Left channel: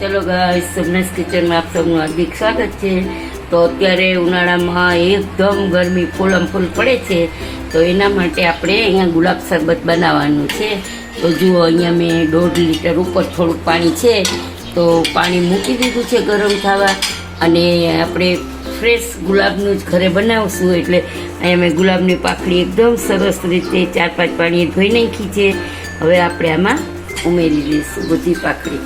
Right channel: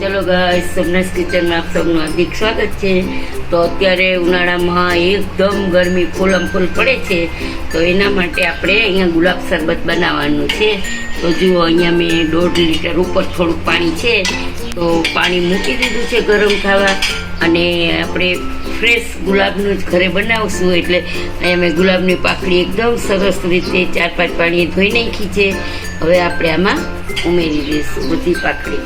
ચલો ગાઈસ, સબનેસ કિચનમાં આપ સૌનું હાર્દિક સ્વાગત છે। તો અત્યારે ઉનાળામાં એકદમ ગરમી ફૂલમ ફૂલ પડે છે, તો એના માટે આપણે અહીંયા ગુલાબ શરબત બનાવવાનું છે। તો જુઓ, અહીંયા મેં 1.5 લીટર ઉપર થોડુંક પાણી છે, તો પાણી મૂકી દીધું છે ગરમ થવા, અને આપણે ફ્રેશ ગુલાબનું જ ઘરે બનાવશું, એટલે અહીંયા મેં ગુલાબની પાકડી એકદમ સરસ રીતે 4-5 પાણીએ ધોઈ નાખી છે। હવે આપણે આમાં ઉમેરી દઈશું બધી પાકડી।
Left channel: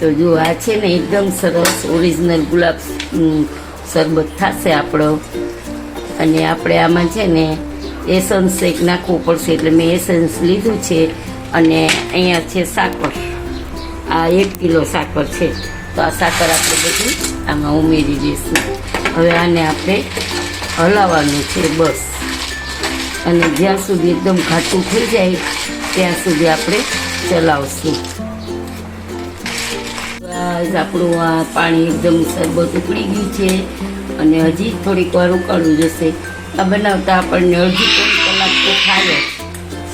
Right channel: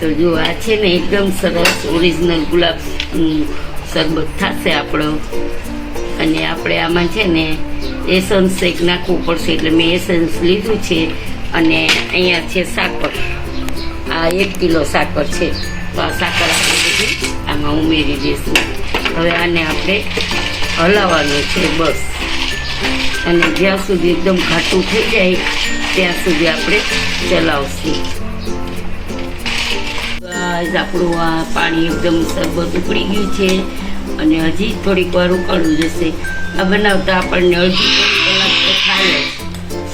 તો જો આ છે ને એકદમ સરસ ઓરિજિનલ ગુલાબ શરબત થશે આપણો। અને આપણે આમાં છે ને એસન્સ એક નાખવું પડશે, એટલે મેં એસન્સ લીધું છે। અને અહીંયા છે સાકર, આ 1 કિલો સાકર છે, તો આ સાકર આપણે બધી આમાં ઉમેરી દઈશું। હવે આને આપણે હલાવવાનું છે બસ, અને જ્યાં સુધી એકદમ ઘાટું થઈ જાય ત્યાં સુધી આપણે ચલાવશું। આપણું આ પાણી એકદમ શરબત ઉકળી ગયું છે, અને હજી થોડીક વાર ઉકાળવું જશે। આ બનાવતા આપણને 2.5 કલાક તો થાય જ।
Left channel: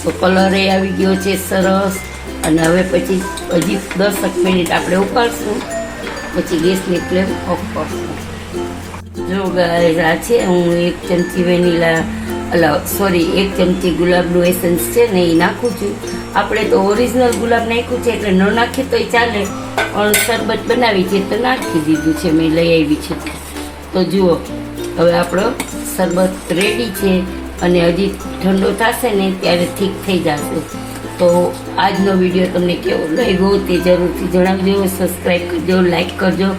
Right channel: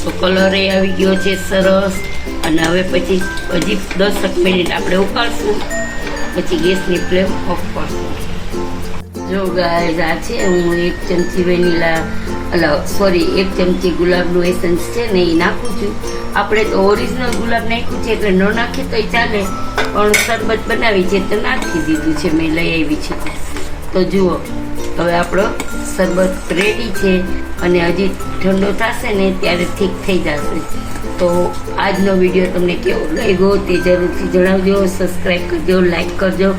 તો કલરે આવી ગયો છે સરસ, અને હવે પછી હજી 10 મિનિટ આપણે ઉકાળશું, પછી ગેસની ફ્લેમ ઓફ કરશું। જો ગાઈસ, આ છે હું 1 ચમચી વેનીલા 1 ચમચી ગુલાબનું એસન્સ છે ને એ નાખું છું। આપણે તો ઓરિજિનલ ગુલાબ નાખ્યું છે, એટલે ન નાખીએ તોય ચાલે, પણ શરબત બનાવી છે તો નાખી દીધું છે, મેં લઈ આવી છે। તો જુઓ, હવે આપણો શરબત રેડી છે, અને હજી ઠંડો થશે ને ત્યારે ઠીક થઈ જશે। તો આજનો વિડીયો તમને કેવો લાગ્યો તે જરૂરથી જણાવજો। સબસ્ક્રાઈબ કરજો, લાઈક કરજો,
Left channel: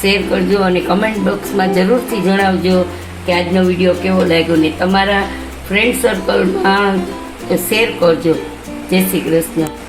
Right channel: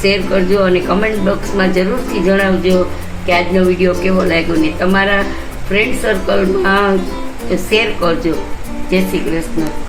શેર કરજો, અને કમેન્ટ બોક્સમાં જરૂરથી જણાવજો કે આજનો વિડીયો કેવો લાગ્યો, ને તમારા ફ્રેન્ડ સર્કલમાં શેર કરજો। જય શ્રી કૃષ્ણ।